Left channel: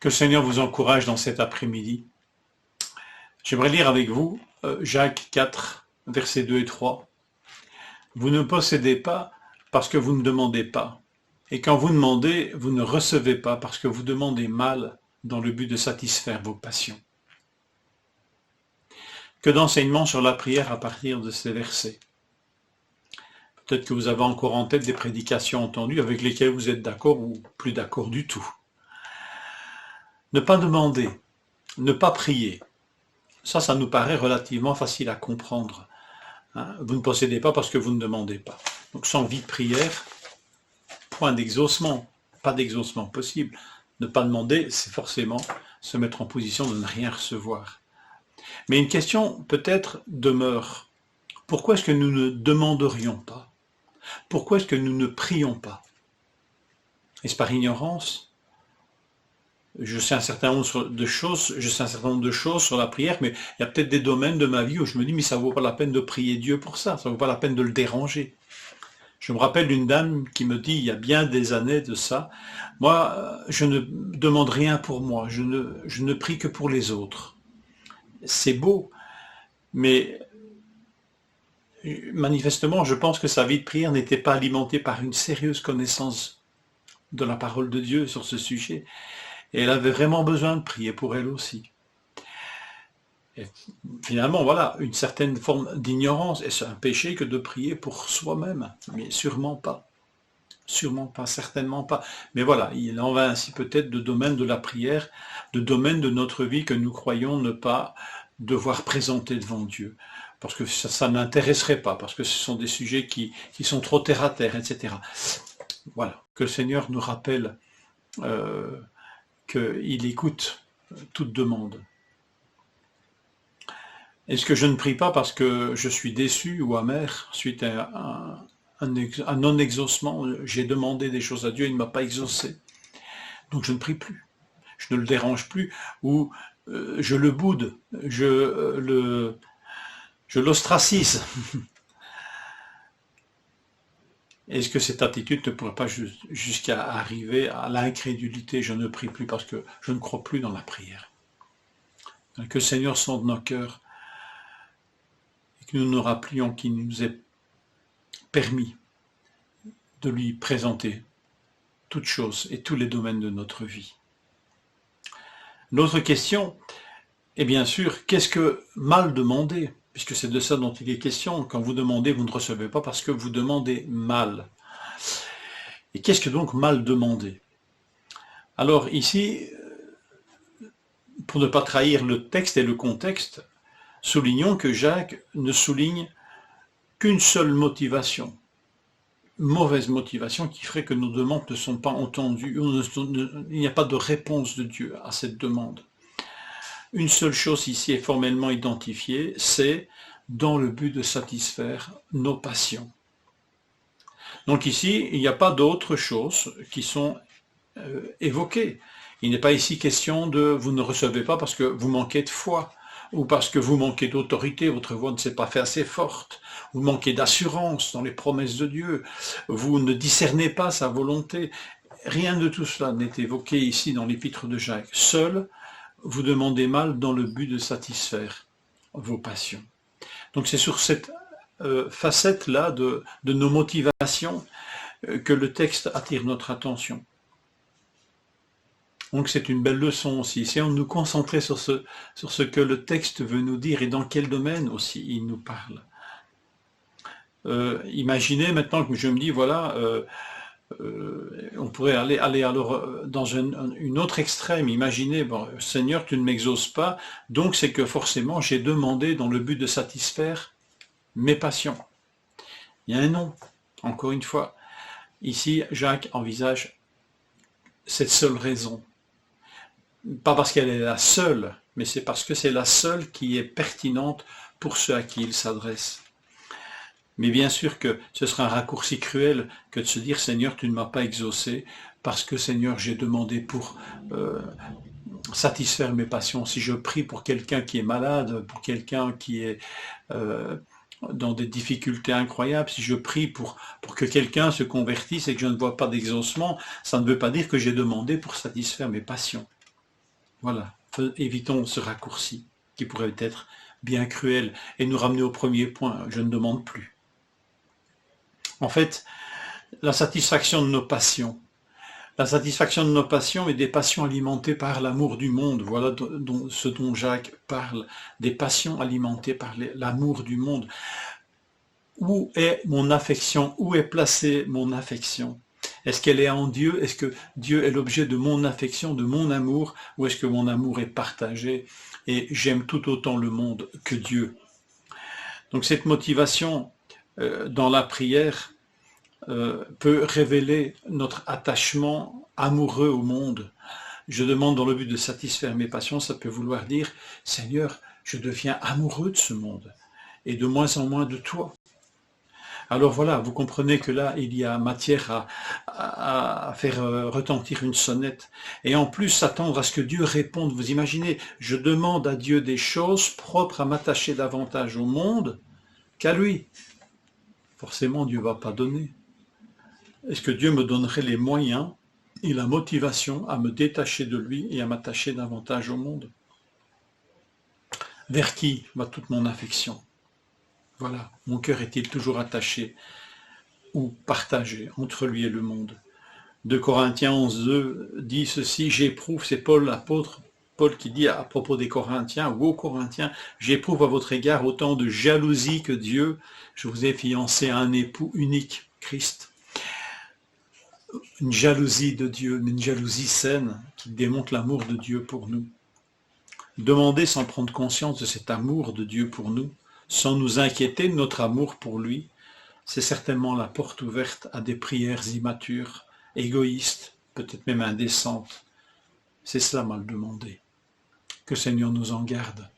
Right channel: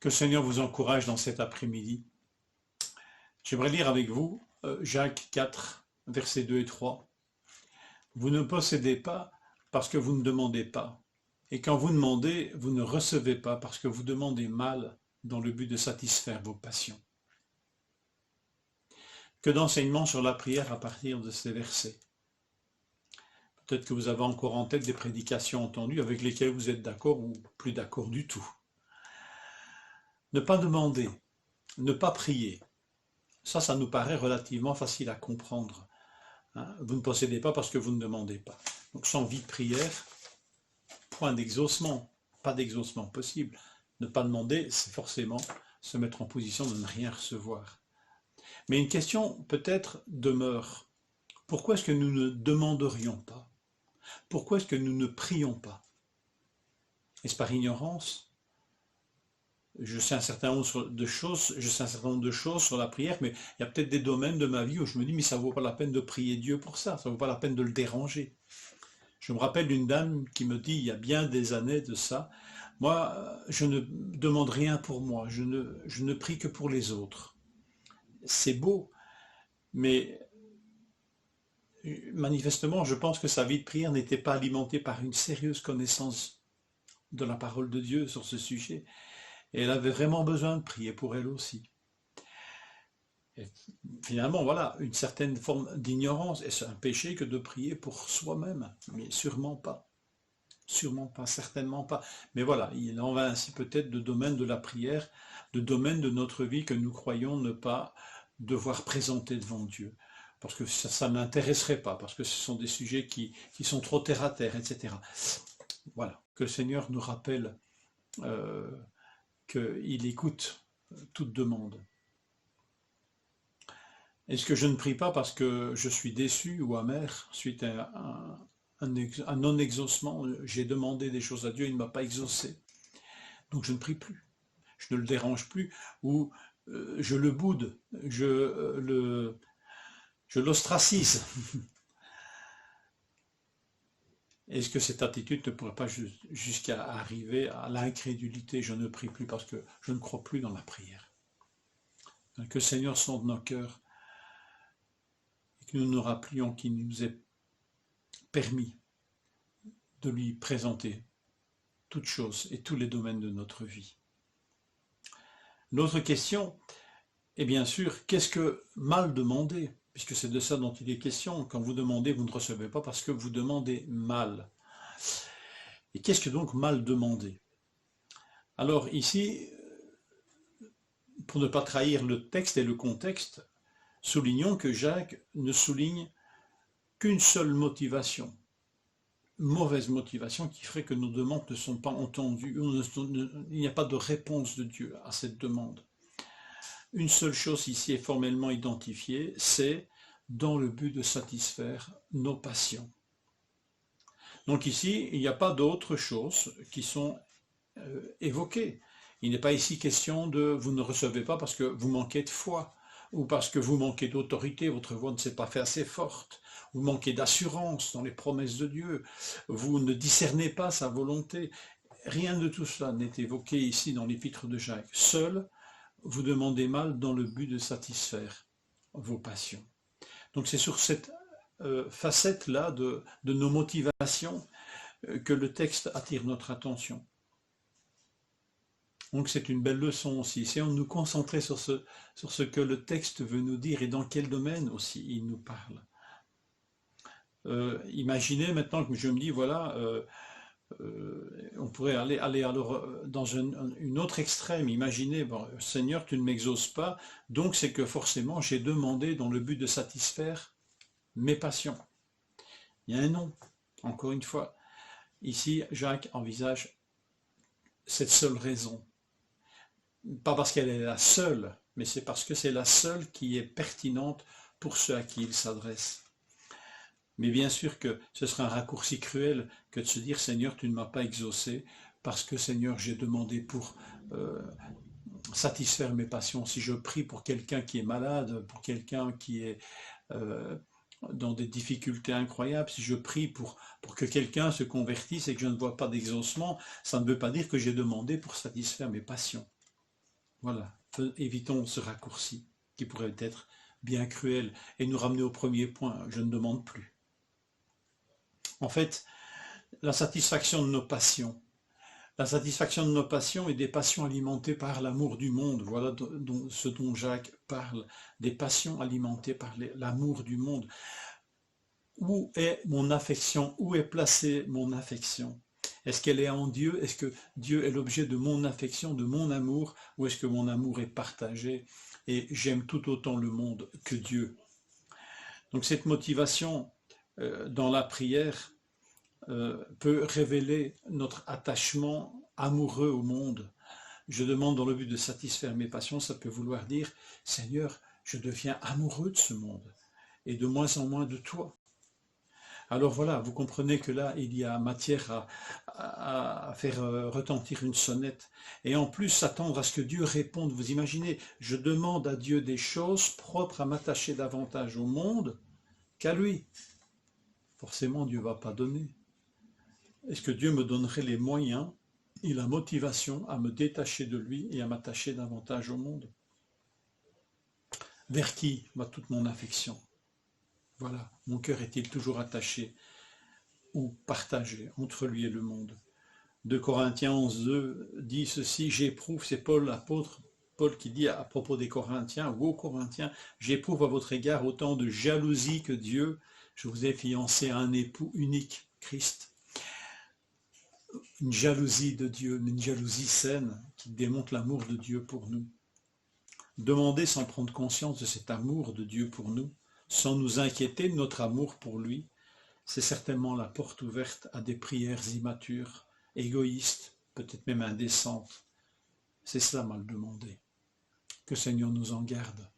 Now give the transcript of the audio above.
Que le Seigneur vous encourage dans cet après-midi. J'aimerais lire avec vous Jacques 4, versets 2 et 3. Vous ne possédez pas parce que vous ne demandez pas. Et quand vous demandez, vous ne recevez pas parce que vous demandez mal dans le but de satisfaire vos passions. Que d'enseignements sur la prière à partir de ces versets. Peut-être que vous avez encore en tête des prédications entendues avec lesquelles vous êtes d'accord ou plus d'accord du tout. Ne pas demander, ne pas prier. Ça nous paraît relativement facile à comprendre. Vous ne possédez pas parce que vous ne demandez pas. Donc sans vie de prière, point d'exaucement, pas d'exaucement possible. Ne pas demander, c'est forcément se mettre en position de ne rien recevoir. Mais une question peut-être demeure. Pourquoi est-ce que nous ne demanderions pas? Pourquoi est-ce que nous ne prions pas? Est-ce par ignorance? Je sais un certain nombre de choses sur la prière, mais il y a peut-être des domaines de ma vie où je me dis, mais ça ne vaut pas la peine de prier Dieu pour ça ne vaut pas la peine de le déranger. Je me rappelle d'une dame qui me dit, il y a bien des années de ça, moi, je ne demande rien pour moi, je ne prie que pour les autres. C'est beau, mais manifestement, je pense que sa vie de prière n'était pas alimentée par une sérieuse connaissance de la parole de Dieu sur ce sujet. Et elle avait vraiment besoin de prier pour elle aussi. Et finalement, voilà, une certaine forme d'ignorance. Est-ce un péché que de prier pour soi-même? Mais sûrement pas. Sûrement pas, certainement pas. Mais voilà, il en va ainsi peut-être de domaine de la prière, de domaine de notre vie que nous croyons ne pas devoir présenter devant Dieu. Parce que ça n'intéresserait pas, parce que ce sont des sujets qui sont trop terre à terre, etc. Voilà, que le Seigneur nous rappelle qu'il écoute toute demande. Est-ce que je ne prie pas parce que je suis déçu ou amer suite à un non-exaucement? J'ai demandé des choses à Dieu, il ne m'a pas exaucé. Donc je ne prie plus, je ne le dérange plus, ou je le boude, je l'ostracise. Est-ce que cette attitude ne pourrait pas jusqu'à arriver à l'incrédulité? Je ne prie plus parce que je ne crois plus dans la prière. Que le Seigneur sonde nos cœurs et que nous nous rappelions qu'il nous est permis de lui présenter toutes choses et tous les domaines de notre vie. L'autre question est bien sûr, qu'est-ce que mal demander? Puisque c'est de ça dont il est question. Quand vous demandez, vous ne recevez pas parce que vous demandez mal. Et qu'est-ce que donc mal demander? Alors ici, pour ne pas trahir le texte et le contexte, soulignons que Jacques ne souligne qu'une seule motivation, mauvaise motivation qui ferait que nos demandes ne sont pas entendues, il n'y a pas de réponse de Dieu à cette demande. Une seule chose ici est formellement identifiée, c'est dans le but de satisfaire nos passions. Donc ici, il n'y a pas d'autres choses qui sont évoquées. Il n'est pas ici question de vous ne recevez pas parce que vous manquez de foi, ou parce que vous manquez d'autorité, votre voix ne s'est pas fait assez forte, vous manquez d'assurance dans les promesses de Dieu, vous ne discernez pas sa volonté. Rien de tout cela n'est évoqué ici dans l'épître de Jacques. Seul, vous demandez mal dans le but de satisfaire vos passions. Donc c'est sur cette facette-là de nos motivations que le texte attire notre attention. Donc c'est une belle leçon aussi. Essayons de nous concentrer sur ce que le texte veut nous dire et dans quel domaine aussi il nous parle. Imaginez maintenant que je me dis, voilà, on pourrait aller alors dans une autre extrême. Imaginez, bon, Seigneur, tu ne m'exauces pas, donc c'est que forcément j'ai demandé dans le but de satisfaire mes passions. Il y a un non, encore une fois. Ici, Jacques envisage cette seule raison. Pas parce qu'elle est la seule, mais c'est parce que c'est la seule qui est pertinente pour ceux à qui il s'adresse. Mais bien sûr que ce serait un raccourci cruel que de se dire « Seigneur, tu ne m'as pas exaucé parce que Seigneur, j'ai demandé pour satisfaire mes passions. Si je prie pour quelqu'un qui est malade, pour quelqu'un qui est dans des difficultés incroyables, si je prie pour que quelqu'un se convertisse et que je ne vois pas d'exaucement, ça ne veut pas dire que j'ai demandé pour satisfaire mes passions. » Voilà, évitons ce raccourci qui pourrait être bien cruel et nous ramener au premier point, je ne demande plus. En fait, la satisfaction de nos passions. La satisfaction de nos passions est des passions alimentées par l'amour du monde. Voilà ce dont Jacques parle, des passions alimentées par l'amour du monde. Où est mon affection? Où est placée mon affection? Est-ce qu'elle est en Dieu? Est-ce que Dieu est l'objet de mon affection, de mon amour? Ou est-ce que mon amour est partagé et j'aime tout autant le monde que Dieu? Donc cette motivation dans la prière peut révéler notre attachement amoureux au monde. Je demande dans le but de satisfaire mes passions, ça peut vouloir dire, Seigneur, je deviens amoureux de ce monde et de moins en moins de toi. Alors voilà, vous comprenez que là, il y a matière à faire retentir une sonnette. Et en plus, s'attendre à ce que Dieu réponde. Vous imaginez, je demande à Dieu des choses propres à m'attacher davantage au monde qu'à lui. Forcément, Dieu ne va pas donner. Est-ce que Dieu me donnerait les moyens et la motivation à me détacher de lui et à m'attacher davantage au monde? Vers qui va toute mon affection? Voilà, mon cœur est-il toujours attaché ou partagé entre lui et le monde? 2 Corinthiens 11, 2 dit ceci, j'éprouve, c'est Paul l'apôtre, Paul qui dit à propos des Corinthiens, ou aux Corinthiens, j'éprouve à votre égard autant de jalousie que Dieu, je vous ai fiancé à un époux unique, Christ. Une jalousie de Dieu, mais une jalousie saine qui démontre l'amour de Dieu pour nous. Demander sans prendre conscience de cet amour de Dieu pour nous, sans nous inquiéter de notre amour pour lui, c'est certainement la porte ouverte à des prières immatures, égoïstes, peut-être même indécentes. C'est cela mal demandé. Que le Seigneur nous en garde.